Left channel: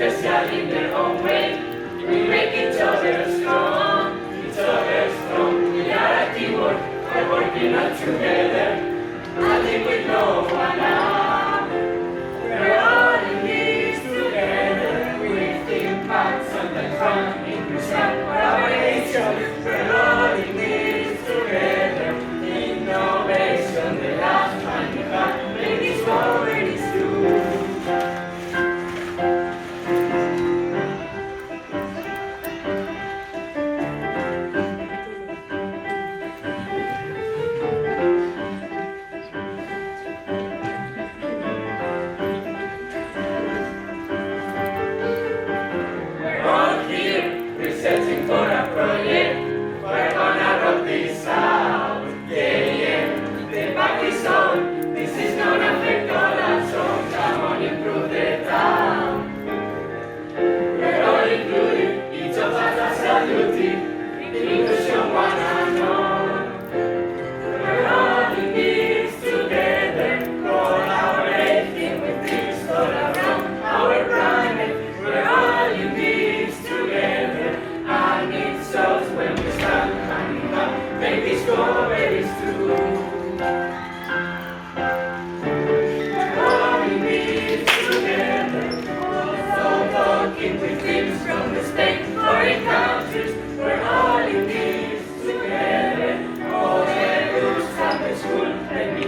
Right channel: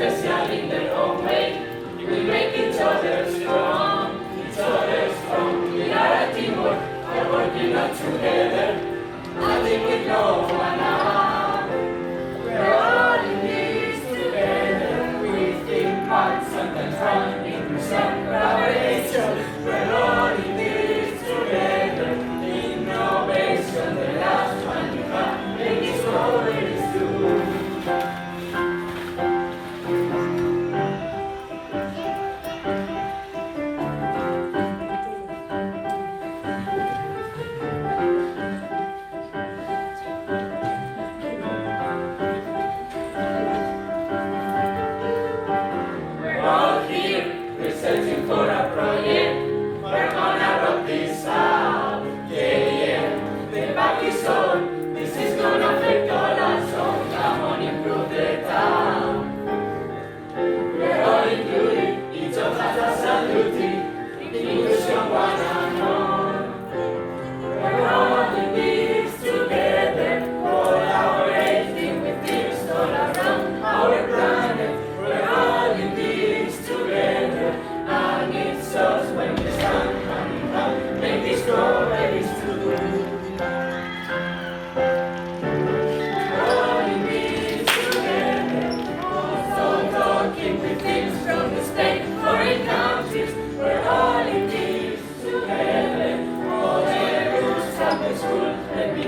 special in their own way. We make each other strong, each other strong. We are a teamwork, we're working all together. Nothing with no one now. We're all in this together. We feel bad, sometimes wrong, inclusion for our nation. We're all in this together. Innovation, the last one you got. Make this go, make this do. Searching for a project, we're gonna rock this out. Yeah, yeah, the back is on. This is gonna affect all our songs. Come on, improve the town. We're all included, each of us has a duty. Inclusion one and all. We're all in this together, collaborating with this all around our planet. We're all in this together. And it's us when we stand hand in hand, make this go very true. All in this together, so talking with teams from the state, foreign countries. We're all in this together. All the rules from the school, let me